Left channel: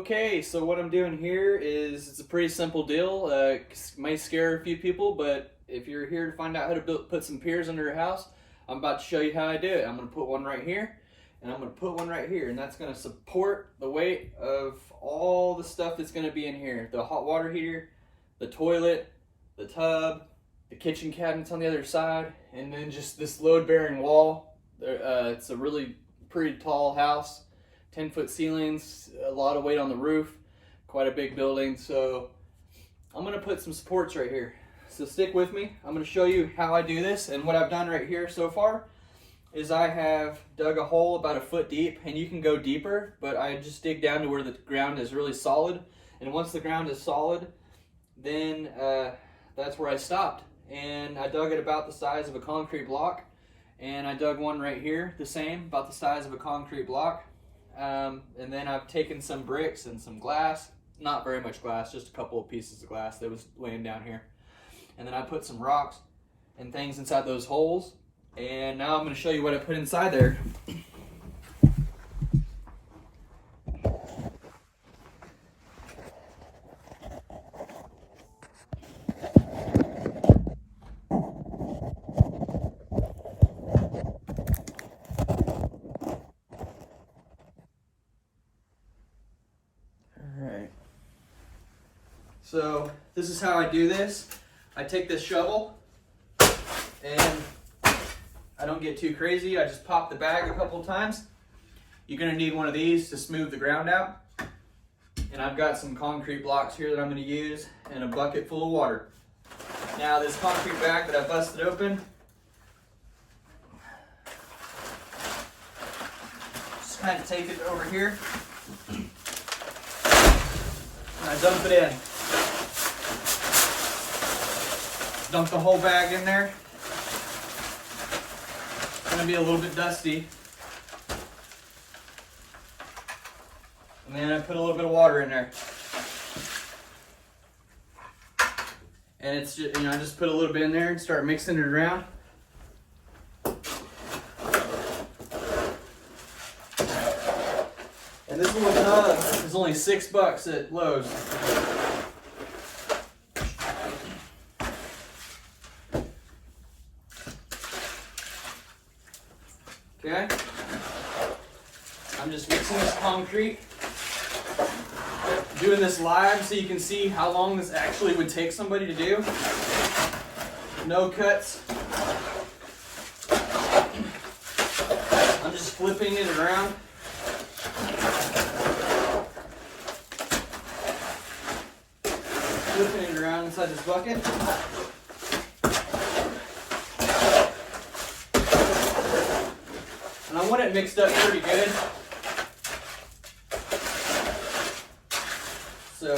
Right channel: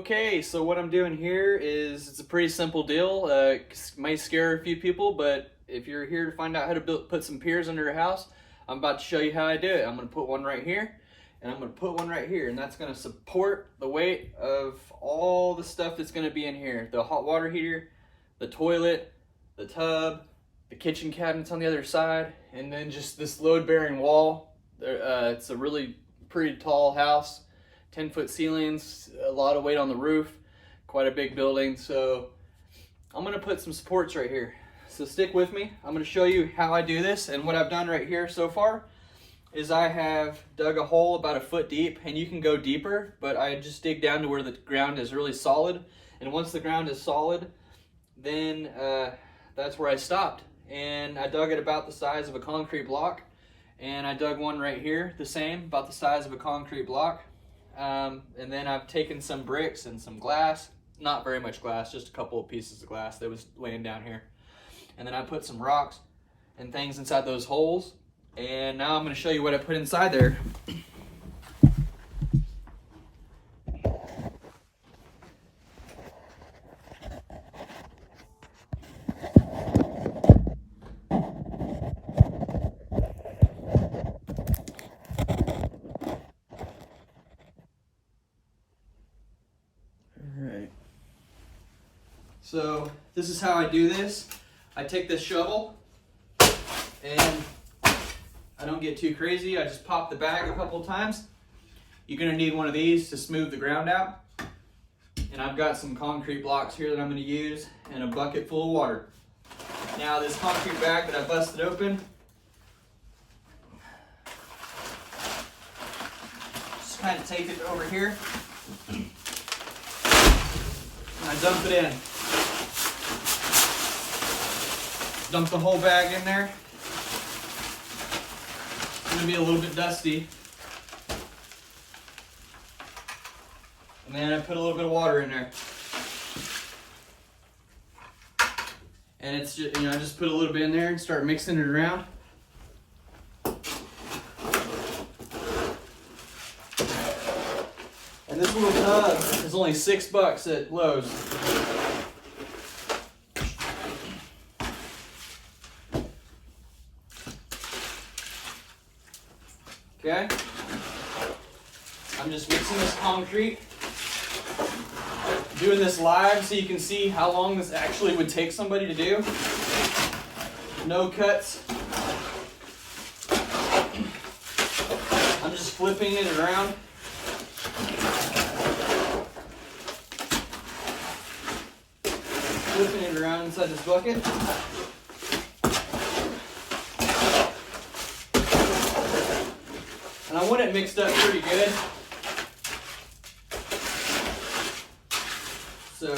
Okay, so what I'm doing here is it's a pretty simple deal. It might scare a few people, but if you're here to find out how to put some piers under your house, I'm about to show you how I do it. I'm going to put one right here, and I'm going to put one right here, and that's going to support the weight of all the stuff that's going to be in here. The hot water heater, the toilet, the tub, the kitchen cabinets on the other side, and then just this load-bearing wall. It's a really pretty tall house. 10-foot ceilings, a lot of weight on the roof, quite a big building. So I'm gonna put some supports right here. So stick with me. I'm gonna show you how I do this, and what I've done right here so far is I have dug a hole about a foot deep, and you can go deeper, but I just dig down to where the ground is really solid. And once the ground is solid, then that's where I stopped. And I dug it about the size of a concrete block, and I dug one right here, the same, about the size of a concrete block. And then I've taken some bricks and some glass, not very much glass, just a couple of pieces of glass that was laying down here. And then I put some rocks and things inside those holes. And now I'm going to show you what I put inside there. So this is how I do this. I take this shovel and I don't get too crazy. I just pop the bag a couple of times. You're gonna need one of these to smooth the ground out. And I've got some concrete blocks here that I'm gonna use and a bucket full of water. Now this concrete bag that I busted open, just kind of take it over here and I dump it in. Dump the whole bag in there. It's gonna be a little bit dusty. And then I put a little bit of water in there. And it's just, I just put a little bit in there and start mixing it around. And this little tub is only $6 at Lowe's. Okay, I'm just mixing this concrete, doing this live so you can see how long this actually would take somebody to do. No cuts. I'm just flipping it around. Flipping it around inside this bucket. And I want it mixed up pretty good. So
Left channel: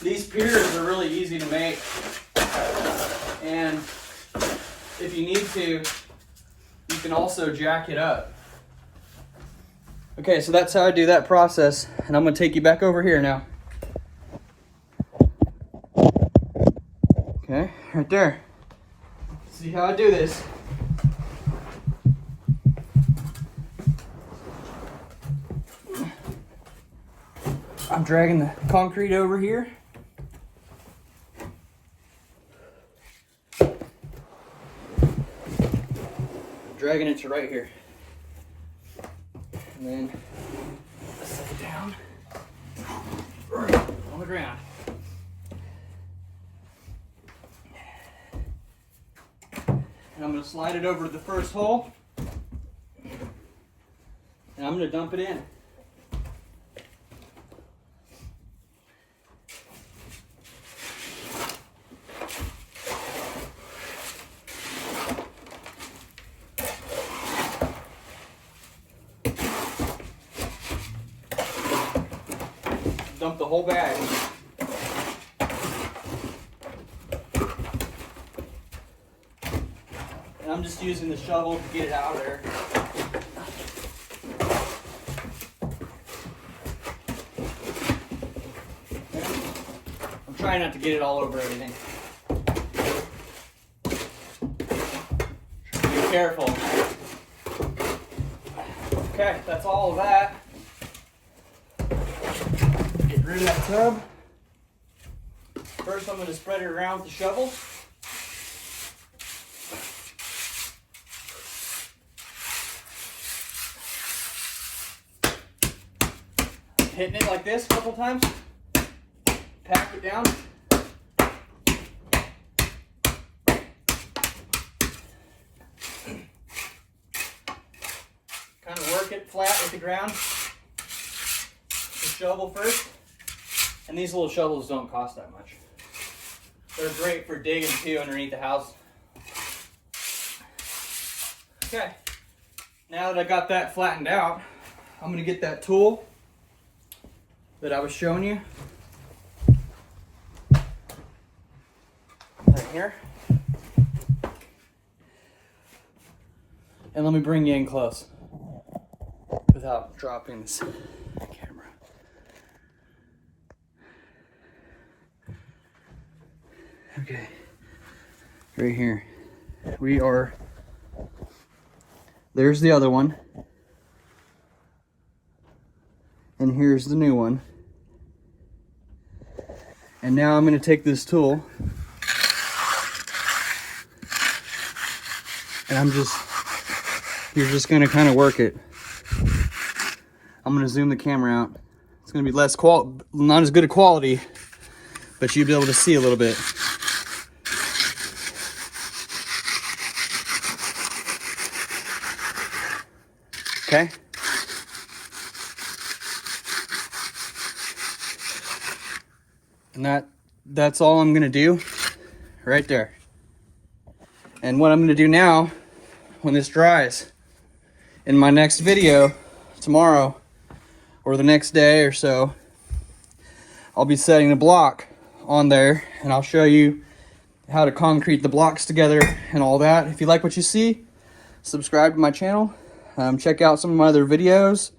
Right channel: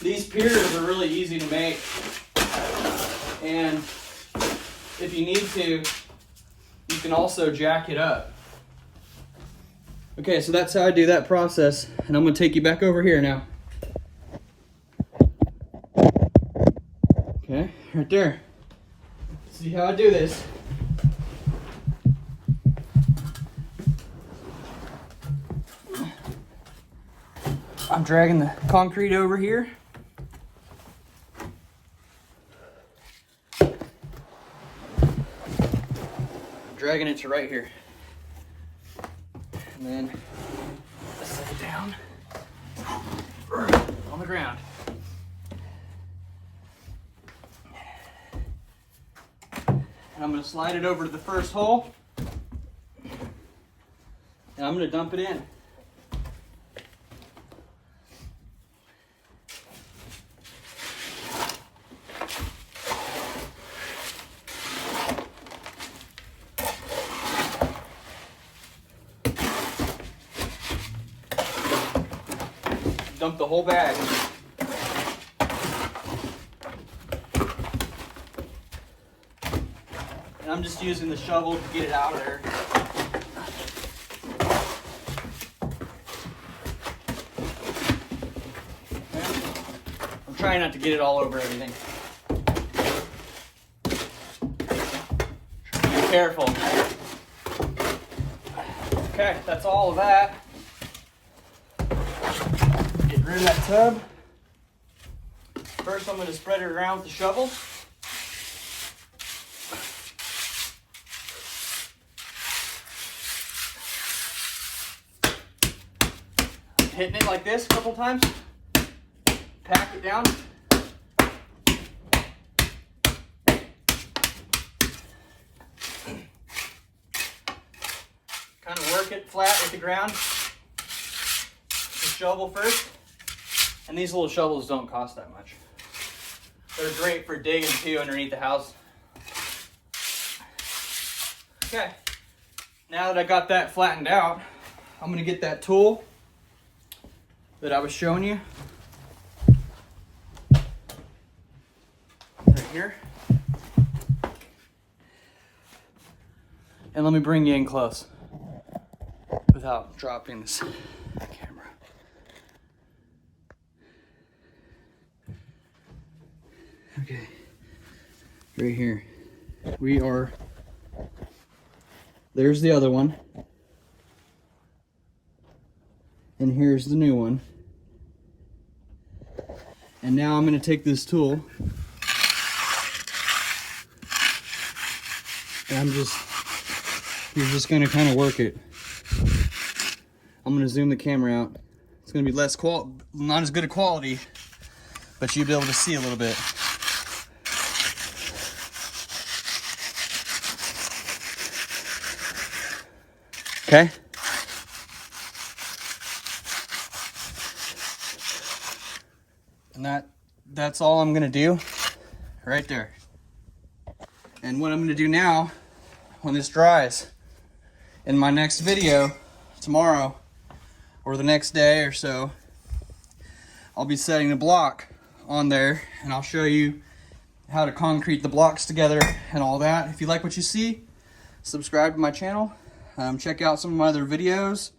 these piers are really easy to make. And if you need to, you can also jack it up. Okay, so that's how I do that process. And I'm gonna take you back over here now. Okay, right there. See how I do this. I'm dragging the concrete over here. Dragging it to right here. And then I set it down on the ground. And I'm going to slide it over to the first hole, and I'm going to dump it in. Dump the whole bag. And I'm just using the shovel to get it out of there. I'm trying not to get it all over everything. Be careful. Okay, that's all of that. Get rid of that tub. First, I'm going to spread it around with the shovel. Hitting it like this a couple times. Pack it down. Kind of work it flat with the ground. The shovel first. And these little shovels don't cost that much. They're great for digging too underneath the house. Okay, now that I got that flattened out, I'm gonna get that tool that I was showing you right here. And let me bring you in close without dropping this camera. Okay, right here. There's the other one. And here's the new one. And now I'm going to take this tool and you're just going to kind of work it. I'm going to zoom the camera out. It's going to be not as good a quality, but you'll be able to see a little bit. Okay. And that's all I'm gonna do right there. And what I'm gonna do now, when this dries, in my next video tomorrow or the next day or so, I'll be setting the block on there and I'll show you how to concrete the blocks together and all that. If you like what you see, subscribe to my channel. Check out some of my other videos.